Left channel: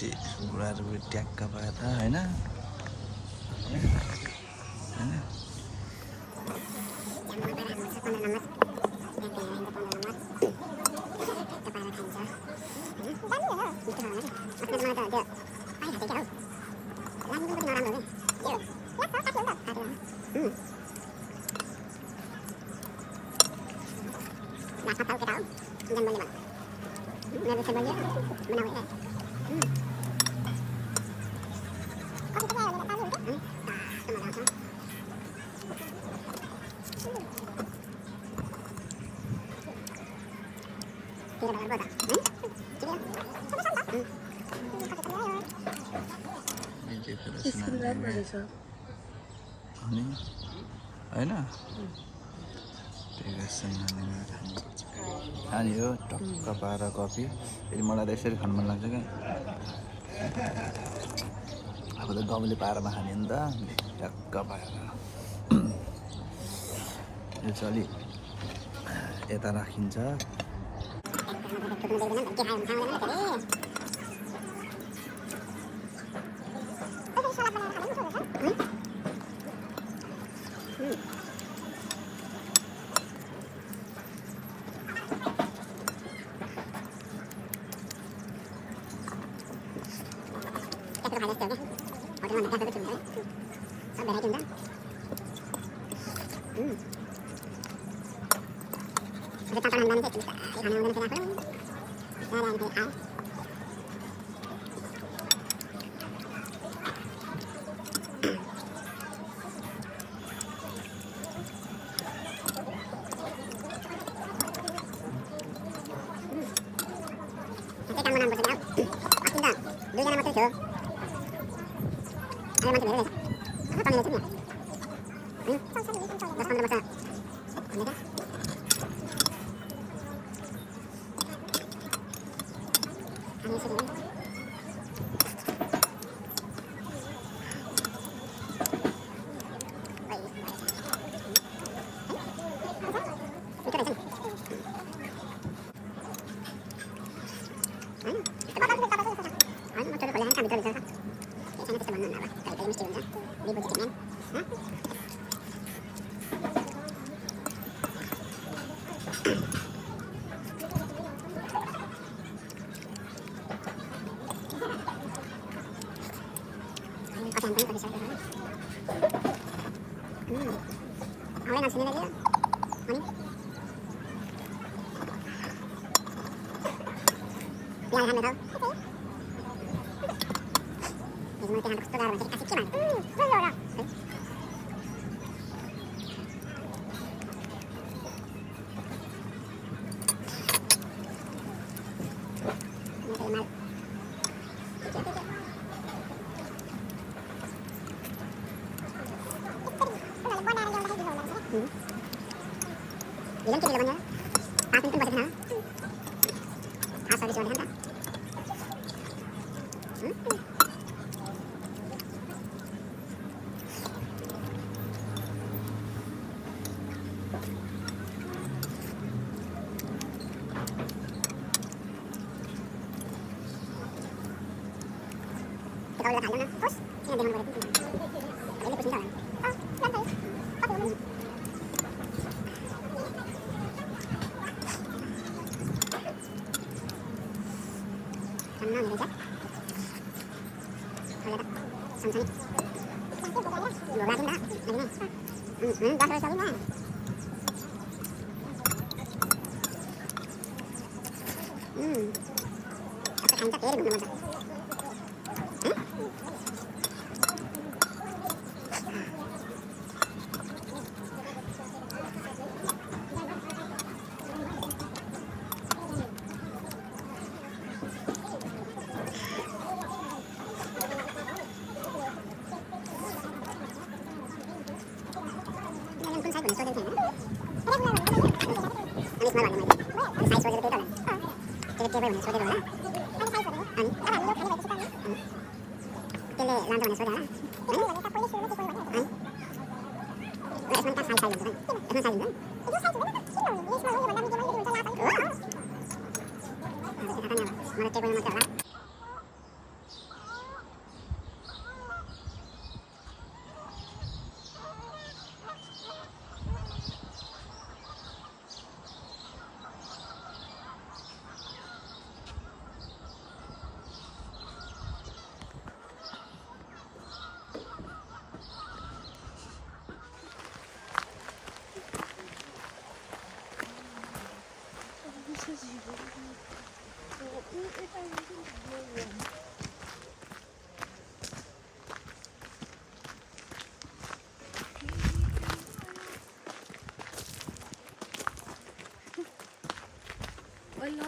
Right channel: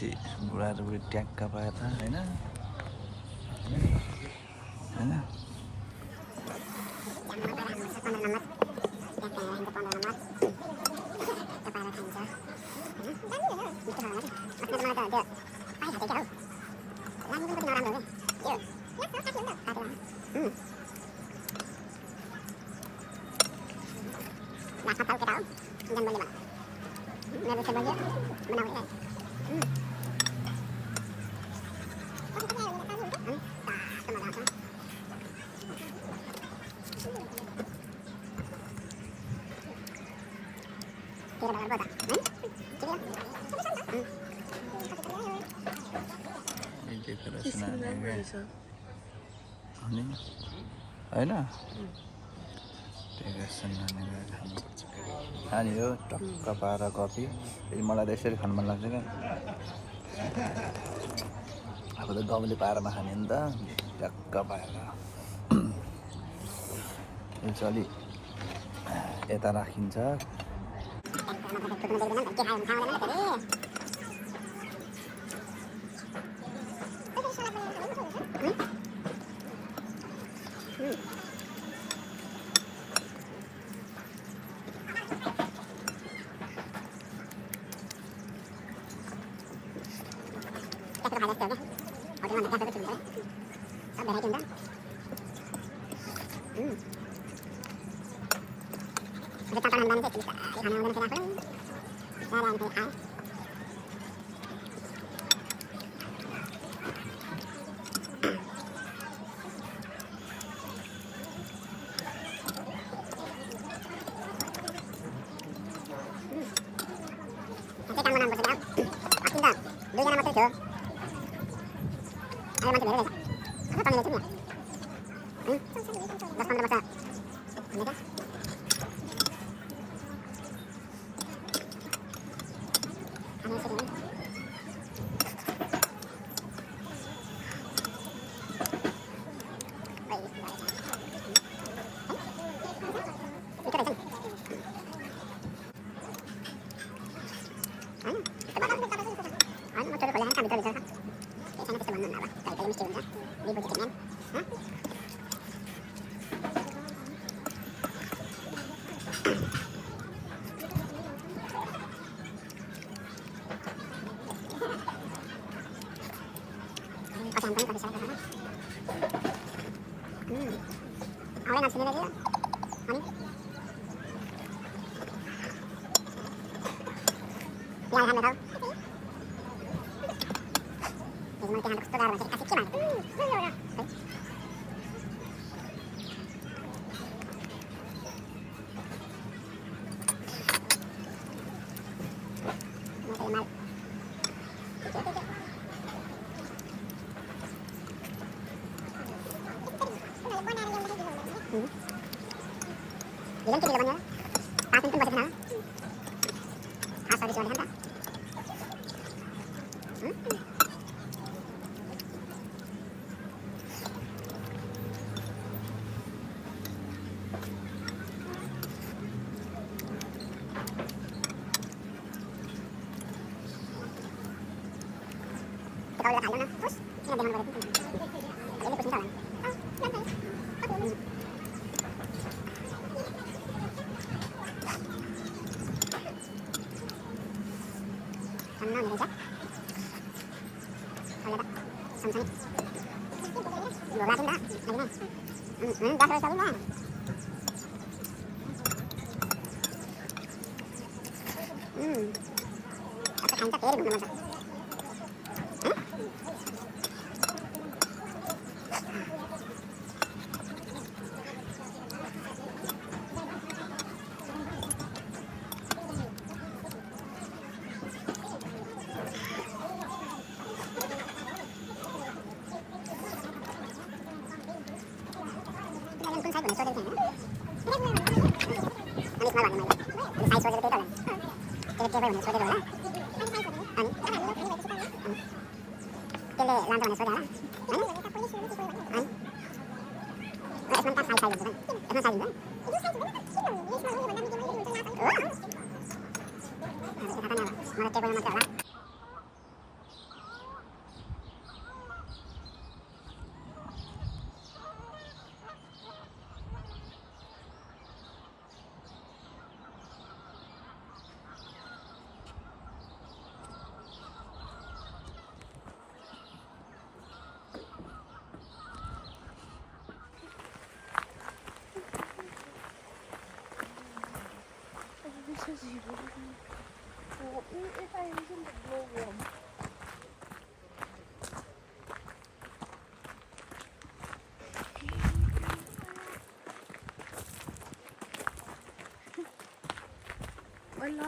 पछि बुढाहरू बुढी ट्याक्क पाएर होइन होइन अनि होइन खानुपर्छ खाने हो टक्क पाएर कफी फेरि मलाई त यसरी खानु मन लाग्छ क्या अब त गाउँले पारमा खाने नि त टक्क पाएर यो चाहिँ अलि यता राखिन्छ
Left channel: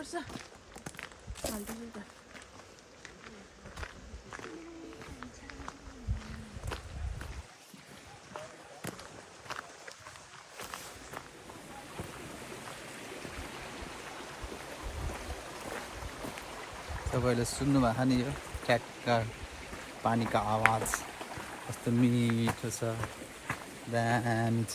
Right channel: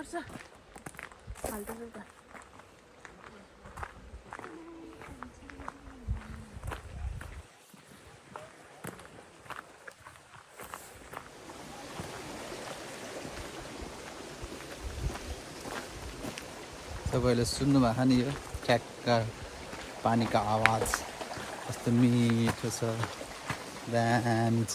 पर्छ फाल्टो त तपाईँले सुन्नुभएको नि यो क्याटका पानीको आवाज कस्तो मिठो छ दामी छ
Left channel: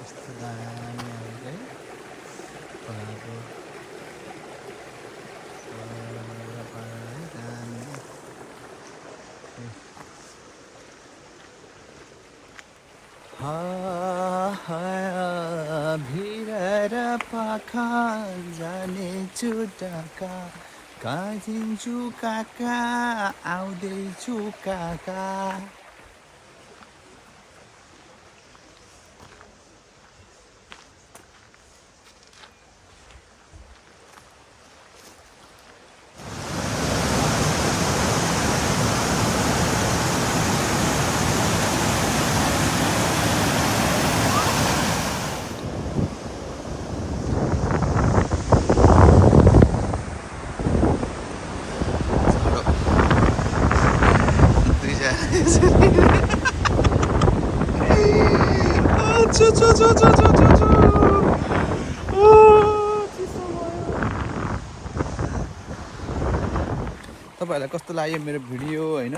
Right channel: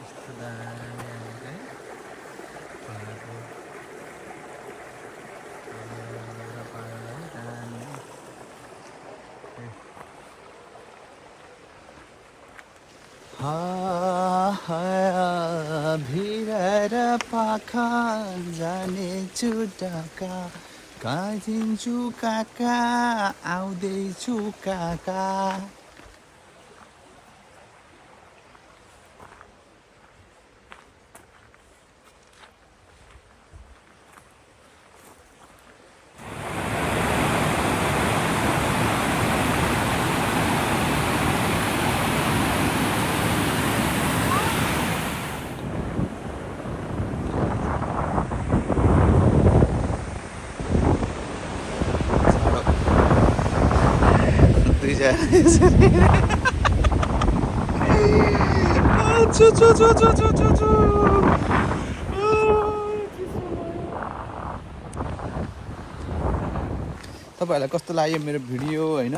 कस्तो दामी आएको है पाहाडको पाहाड है दामी भिरेर पाखा जानेछु ढाका काहिन्छु काका आउँदैछु काका तपाईँहरूलाई कस्तो लाग्यो मेरो भिडियो होइन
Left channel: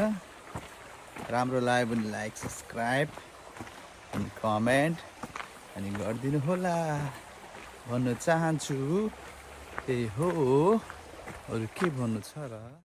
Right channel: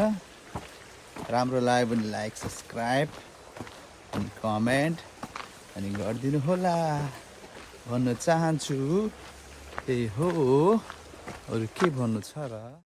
राम्रो लाग्यो भने लाइक सब्सक्राइब अनि कमेन्ट अनि गरिदिनु होला भन्न चाहन्छु त्यही हो अरू के भन्नु छ र।